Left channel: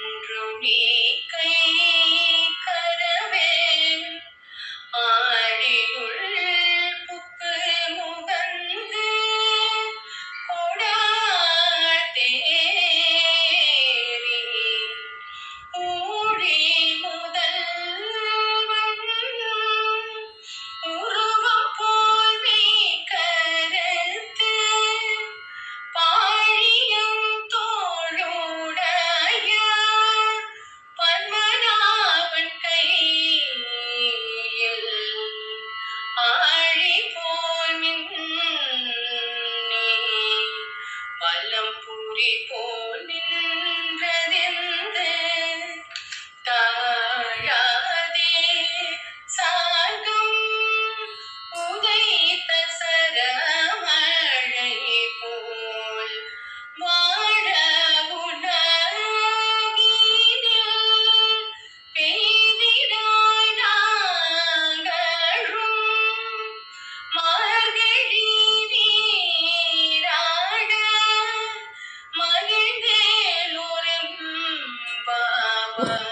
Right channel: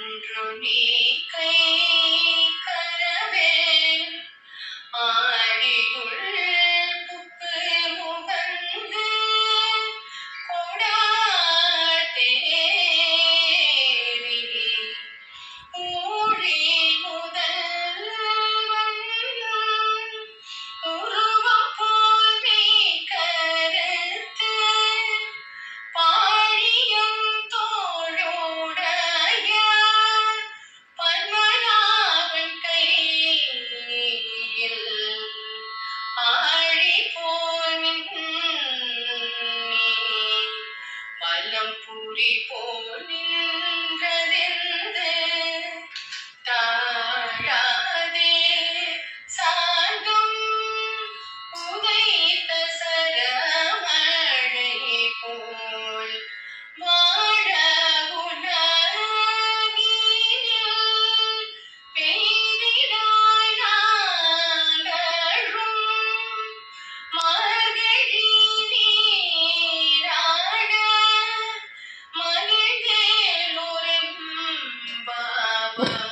ஒன்று நீ கை Oh.